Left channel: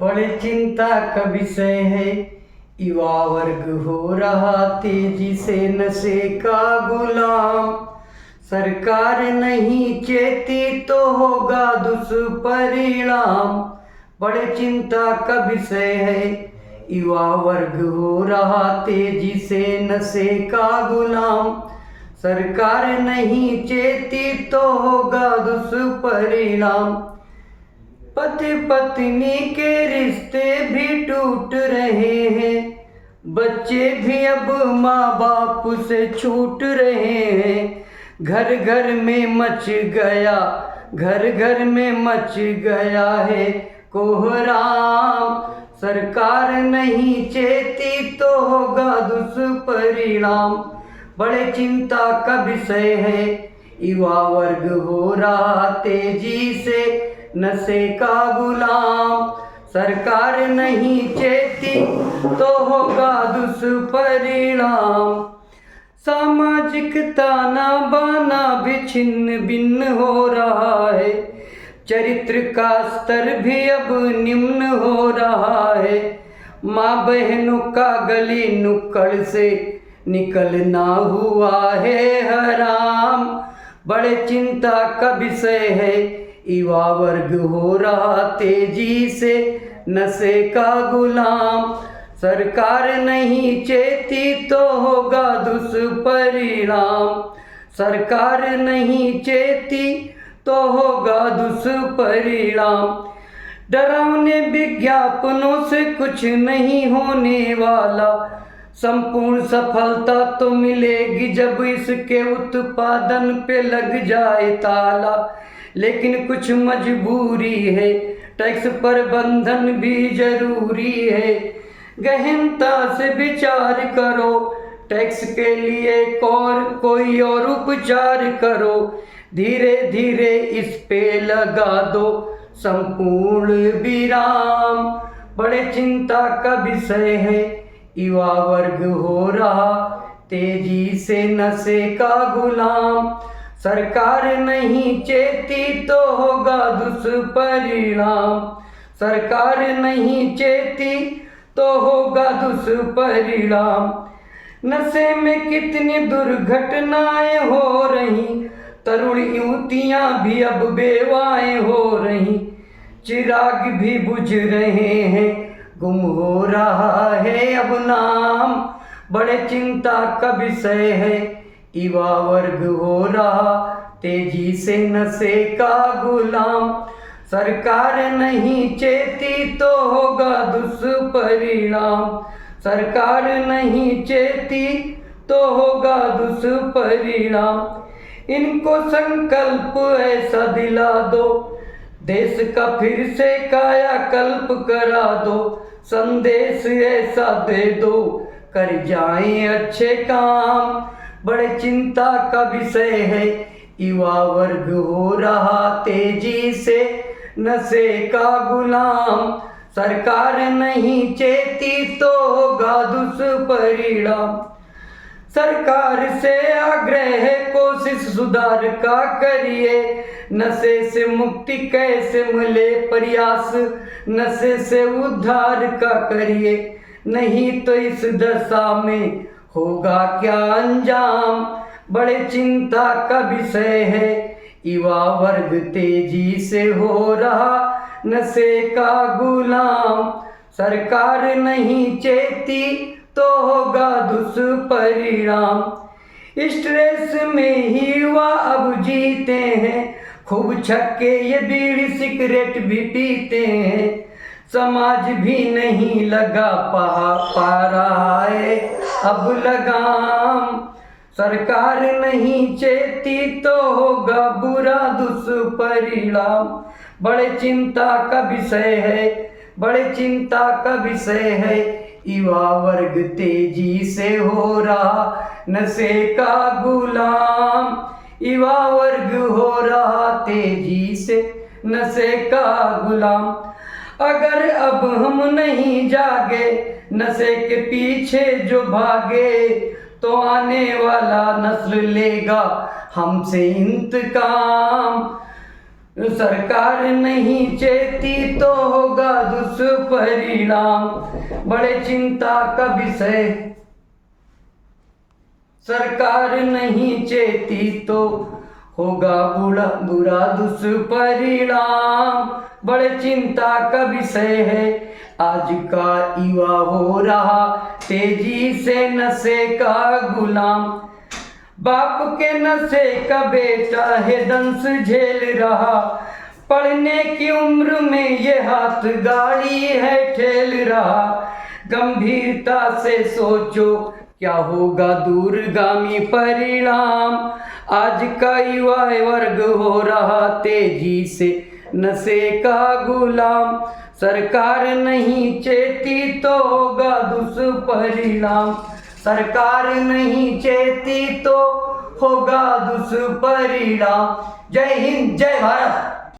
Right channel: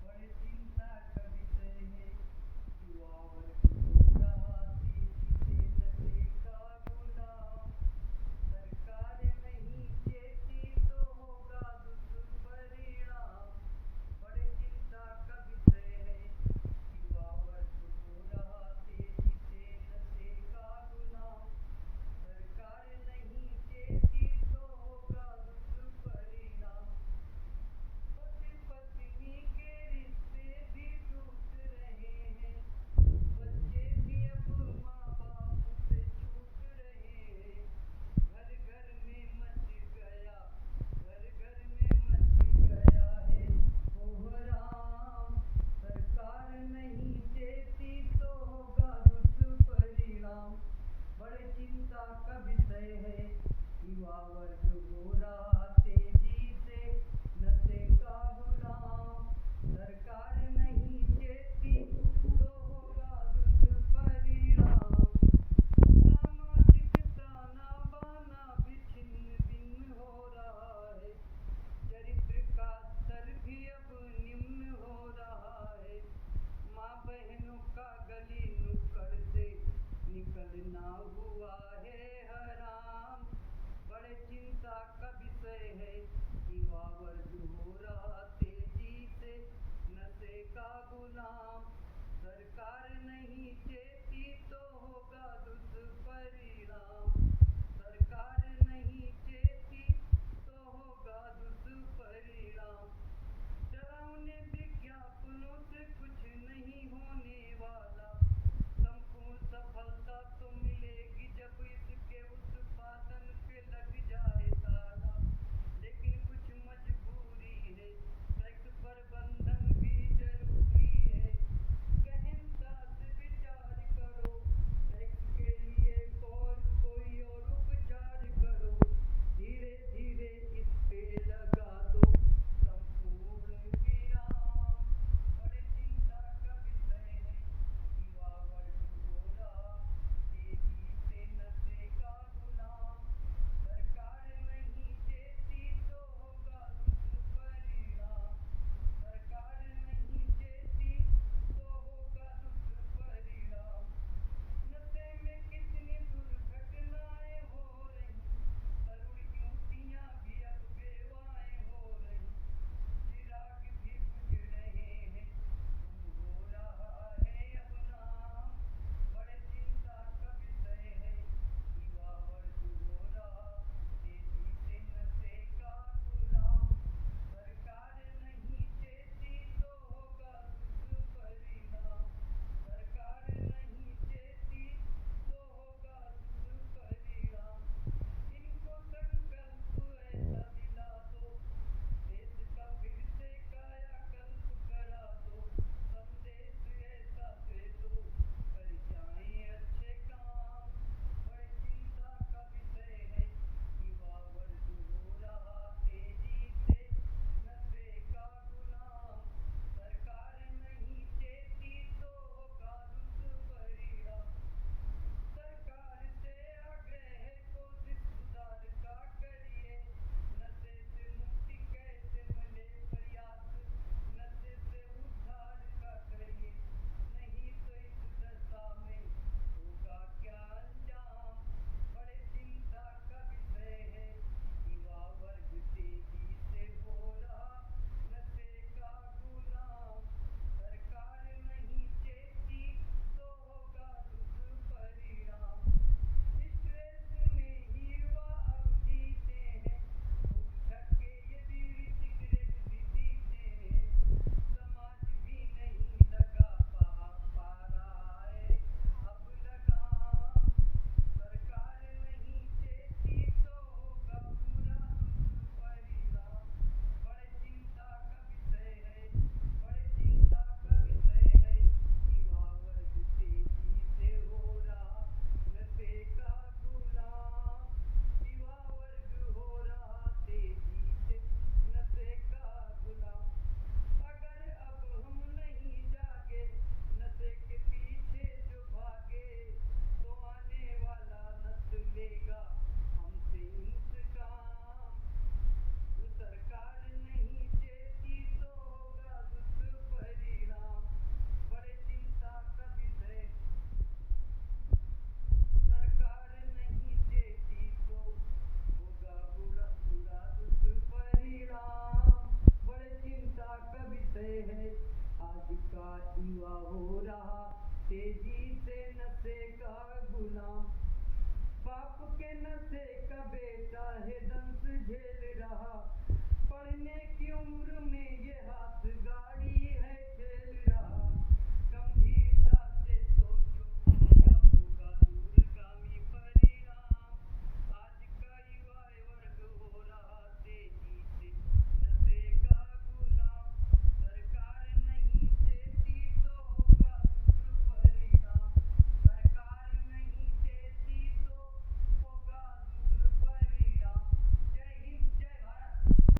बड़े चिंता का विषय है, युवा वर्ग हो रहा तेजी से नशे का गुलाम। सरकार नहीं चेती तो होगा दुष्परिणाम। बड़े चिंता का विषय है, युवा वर्ग हो रहा तेजी से नशे का गुलाम। सरकार नहीं चेती तो होगा दुष्परिणाम। पति पत्नी के रिश्ते भी टूट रहे हैं, बच्चे भी अब माँ बाप से छूट रहे हैं। घर घर में मच गया है कोहराम। सरकार नहीं चेती तो होगा दुष्परिणाम। बड़े चिंता का विषय है, युवा वर्ग हो रहा तेजी से नशे का गुलाम। सरकार नहीं चेती तो होगा दुष्परिणाम। सामाजिक ताना बाना भी छिन्न भिन्न हो रहा है, चरित्र का स्तर भी अब निम्न हो रहा है। माँ बहनों का गली नुक्कड़ से निकलना हुआ है हराम। बड़े चिंता का विषय है, युवा वर्ग हो रहा तेजी से नशे का गुलाम। सरकार नहीं चेती तो होगा दुष्परिणाम। सरकार नहीं चेती तो होगा दुष्परिणाम। डरावने विज्ञापनों से कुछ नहीं होने वाला, संपूर्ण सफलता तो मिलेगी जब इसके उत्पादन पे लग जाए ताला। लेकिन कुछ मजबूरी है, टैक्स प्रबंधन भी जरूरी है। गहनता से विचार करो, टैक्स के लिए कोई और उपचार करो। धीरे धीरे इस पे लगा दो संपूर्ण विराम। बड़े चिंता का विषय है, युवा वर्ग हो रहा तेजी से नशे का गुलाम। सरकार नहीं चेती तो होगा दुष्परिणाम। सरकार नहीं चेती तो होगा दुष्परिणाम। नशे में कितनी दुर्घटनाएं हो रही, तरुण युवतियां भी अब बेवाएं हो रही। चिराग भी बुझ रहे हैं, गुम हो रहा है अब नाम। बड़े चिंता का विषय है, युवा वर्ग हो रहा तेजी से नशे का गुलाम। सरकार नहीं चेती तो होगा दुष्परिणाम। सरकार नहीं चेती तो होगा दुष्परिणाम। इनको संकल्प ऐसा दिला दो, देश का फिर से कायाकल्प करा दो। संदेश ऐसा दे दो, कर जाएं अच्छे काम। बड़े चिंता का विषय है, युवा वर्ग हो रहा तेजी से नशे का गुलाम। सरकार नहीं चेती तो होगा दुष्परिणाम। सरकार से आग्रह है, कोशिश सुधार का करिए। नशे से मुक्ति कैसे मिले, प्रयास नशे से उद्धार का करिए। नहीं तो इस दशा में होगा क्या अंजाम। बड़े चिंता का विषय है, युवा वर्ग तेजी से हो रहा नशे का गुलाम। सरकार नहीं चेती तो होगा दुष्परिणाम। स्ट्रेस में ही युवा अब जीते हैं, खूब छक्के ये बीड़ी सिगरेट भी पीते हैं। समाज भी नहीं लगा पा रहा है अब लगाम। सरकार नहीं चेती तो होगा बुरा दुष्परिणाम। बड़े चिंता का विषय है, बड़े चिंता का विषय है, युवा वर्ग तेजी से हो रहा नशे का गुलाम। युवा वर्ग हो रहा तेजी से नशे का गुलाम। अगर अब हम नहीं जागे, नशे के पीछे जो भागे, तो आने वाला नस्ल लेगा हमसे इंतकाम। सरकार नहीं चेती तो होगा दुष्परिणाम। दुष्परिणाम। बड़े चिंता का विषय सरकार नहीं चेती तो होगा बुरा दुष्परिणाम। बड़े चिंता का विषय है आज का युवा हो रहा तेजी से नशे का गुलाम। बाप के नशे का बेटा है दंश झेल रहा, पढ़ने की उम्र में ये हाथ गाड़ी है ठेल रहा। गंभीरता से सोचो क्या होगा दूरगामी परिणाम। आज का युवा वर्ग हो रहा तेजी से नशे का गुलाम। सरकार नहीं चेती तो होगा दुष्परिणाम। सरकार नहीं चेती तो होगा दुष्परिणाम। जय हिंद, जय भारत।